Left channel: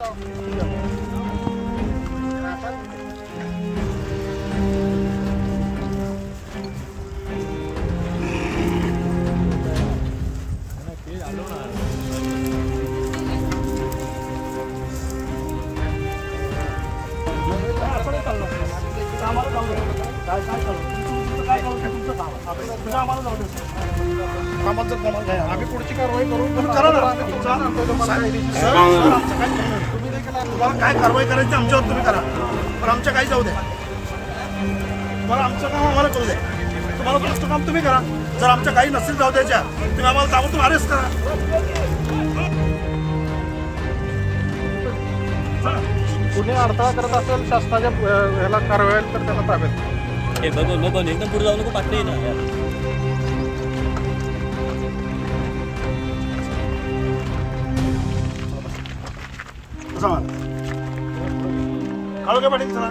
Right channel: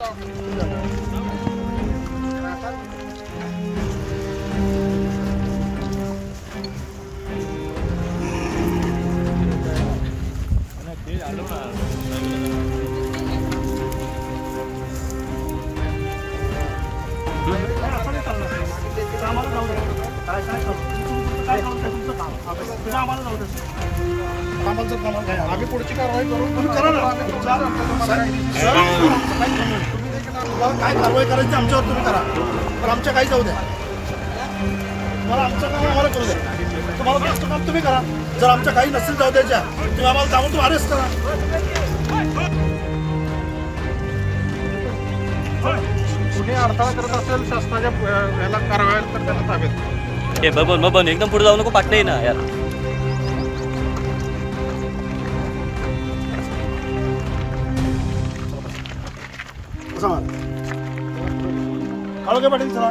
Oh. आम्ही पुढची कारवाई करून तुम्ही करा ना. तुम्हाला काय कारवाई करायची आमच्यावर तुम्ही करा. पण आमच्या काही जाऊ द्या. तुम्हाला आमचं काम आम्हाला करू द्या. तुम्हाला पुढचं काम तुम्ही करा. जर आमच्या काही नसेल जाऊ द्यायच्या तुम्ही आम्हाला जाऊन तुम्ही अरेस्ट करा. अडथळा करत असेल शासनाच्या कारवाई तर त्याला ताब्यात. हे बबन बबन एकदम पुढे जाऊ नको पाटणे ना यार. चला. काळोखे पाटील चला.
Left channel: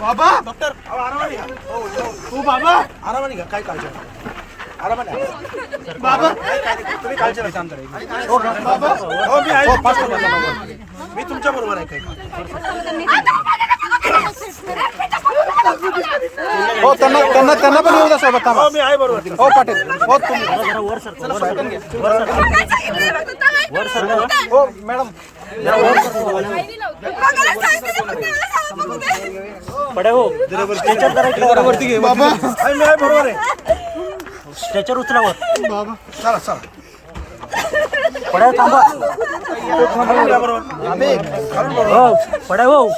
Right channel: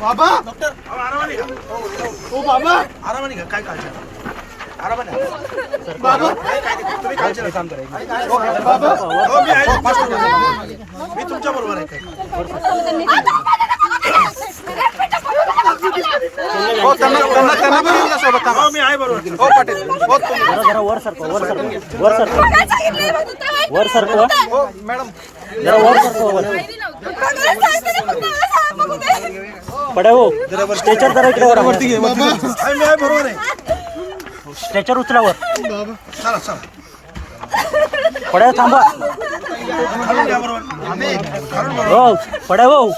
बाबा डॉक्टर हो बाबा आरामाने घ्या काय काळजी नाही. आरामाने. बाबा नाही. तुम्ही काळजी नका हो, बाबा हो, मी आहे. मी तुमच्या बरोबर आहे काय हो, त्यांना त्यांना त्यांना पण येऊ द्या सोबत थांबा. हो, मी आहे बरोबर हो, पाटील हो, तुम्ही. वर सर मॅडम पड्या हो स्ट्रेचर जरा बाबा बरोबर आहे स्ट्रेचर उचलावर बाबा चला चला पड्या थांबा हो पड्या हो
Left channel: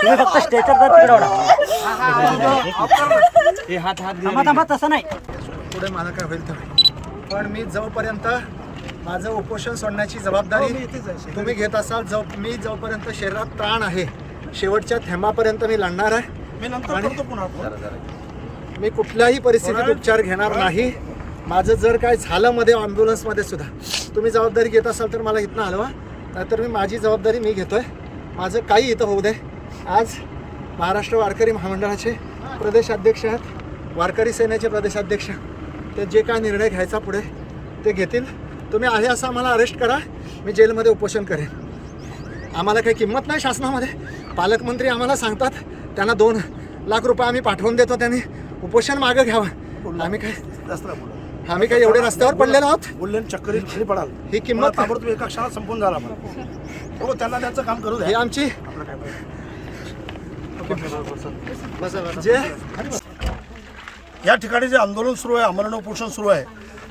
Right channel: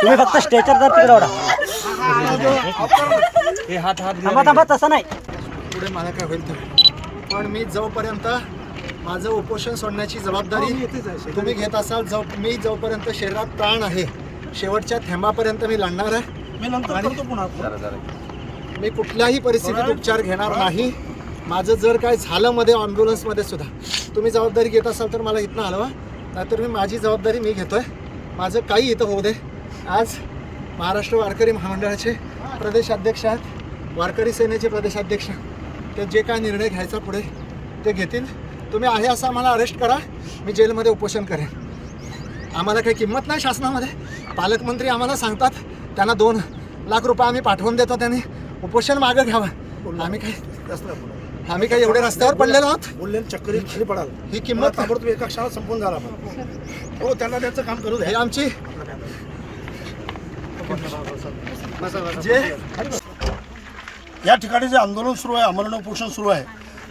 तुम्ही फक्त स्ट्रेचर जर तिकडे ओढा थांबा थांबा तसं नाही. पुढे मला काय होईल तर. पण मी जोपर्यंत माझं उपोषण सोडण्याची जबाबदारी तुम्ही घेत असाल जो मी जोपर्यंत शरीरात प्राण आहे शेवटच्या थेंबापर्यंत मी लढणार आहे. आणि-. मी कुठल्याही परिस्थितीत उपचार घेणार नाही. माझं जर काय झालं मध्ये ॲम्ब्युलन्समध्ये सुद्धा. तुम्ही जबाबदारी घेत असाल तर मला इथनं हलवा. नाहीतर मी माझी जबाबदारी मी घेतोय. माझं काही इथं होऊ दे. आज महाराष्ट्र वारकरी महामंडळाचे प्रदेशाध्यक्ष आहेत. वारकरी सेनेचे प्रदेशाध्यक्ष. ते जे काय निर्णय घ्यायचा पुढे ते घेतील. तुम्ही आहे असं आम्हाला अरेस्ट करा. मी जेलमध्ये उपोषण करेन. आम्हाला काही किंमत नाही शासनामध्ये. पालकमंत्री आम्हाला सांगतात त्यांना दोन लाख रुपये आम्ही पाठवून देतो त्यांनी. उपोषण मागं घ्यावं. आम्ही काय. आम्ही काही एवढे रस्त्यावर पडलेलो आहोत. बोलले चक्करीत खाली पडाल. ही किंमत ताबडतोब एका क्षणात संपून झाला हो त्यांना त्यांचं काम करू ही द्या आमची जे या ठिकाणी जे आंदोलन सुरू आहे आमरण उपोषण सुरू आहे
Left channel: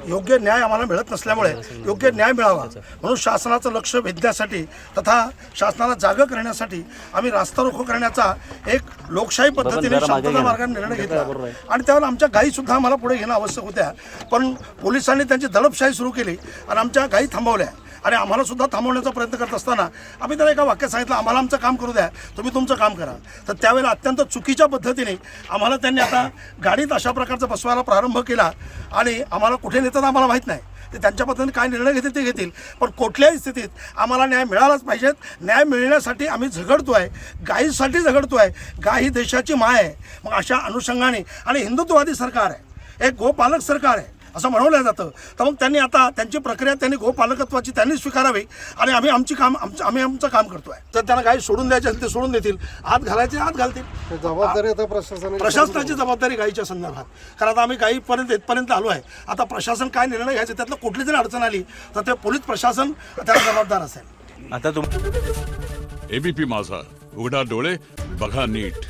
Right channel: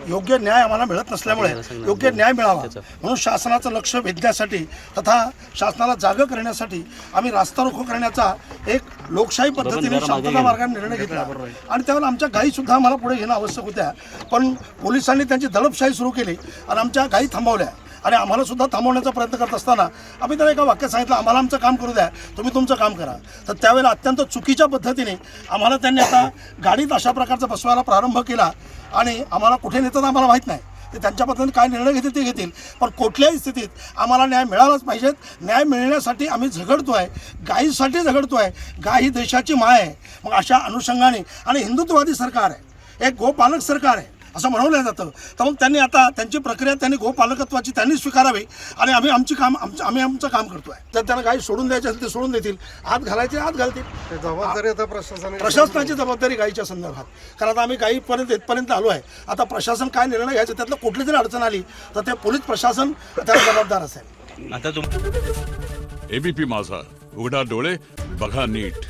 योग्य न्याय आम्हाला मिळत नसल्यामुळे योग्य न्याय मिळावा. म्हणून शासनाचं लक्ष वेधण्यासाठी तथा शासनाला जागं करण्यासाठी आम्ही रास्ता रोको करण्याचा एक लोकशाही पद्धतीने शांतता मार्गाने निर्णय घेतला. आणि त्यावेळेला आमच्या गायी सुद्धा आम्हाला पुढे घेणं आवश्यक होत्या. पण पोलिसांनी त्यांची दडपशाही सुरू केली आणि आमच्या गायी थांबवल्या. आणि आम्हाला सुद्धा थांबवण्याचा प्रयत्न करत असताना आम्ही त्याला एका वाक्यात सांगितलं आम्हाला आमचं काम करू द्या तुम्ही तुमचं काम करा. तर त्यावेळेला अत्यंत चुकीच्या पद्धतीने आम्हाला त्यांनी आता गाडीत अशा प्रकारचा बसवायला प्रारंभ केला आणि आम्हाला कुठे नेतात आम्हाला माहीत नाही. ते त्यांच्या पद्धतीने काय निर्णय घेतील ते घेतील. पण कुठल्याही स्थितीत आम्हाला न्याय मिळालाच पाहिजेत न्याय मिळण्यासाठी आम्ही झगडतो आहे गायीसाठी आहे गाय ही देशाची माय आहे. मग अशा अनुषंगाने आणि हिंदुत्ववादी सरकार आहे. एक गोपालक सरकार आहे. असं म्हणवलं जातं. तर मग त्यांनी आता त्यांची प्रक्रिया त्यांनी गोपालकत्वाची त्यांनी स्वीकारावी आणि आम्ही आमची काम आमचं आम्ही आमचं काम करतोय. तर त्यांना गाई सोडून द्यायची असेल ते सोडून देतील. आत घालायचे आत घालतील. जबाबदारी आता प्रशासनाची प्रशासनाची जबाबदारी गाईच्या संदर्भात. कारण आता आम्ही गाईपर्यंत इथपर्यंत आलो आहे. आता प्रशासन काय निर्णय घ्यायचे त्यातलं कुठली जरी अडचण आली तर ते पोलीस प्रशासन त्याला जबाबदार असेल. आता तुम एबीपी माझा. उघडा डोळे बघा नीट.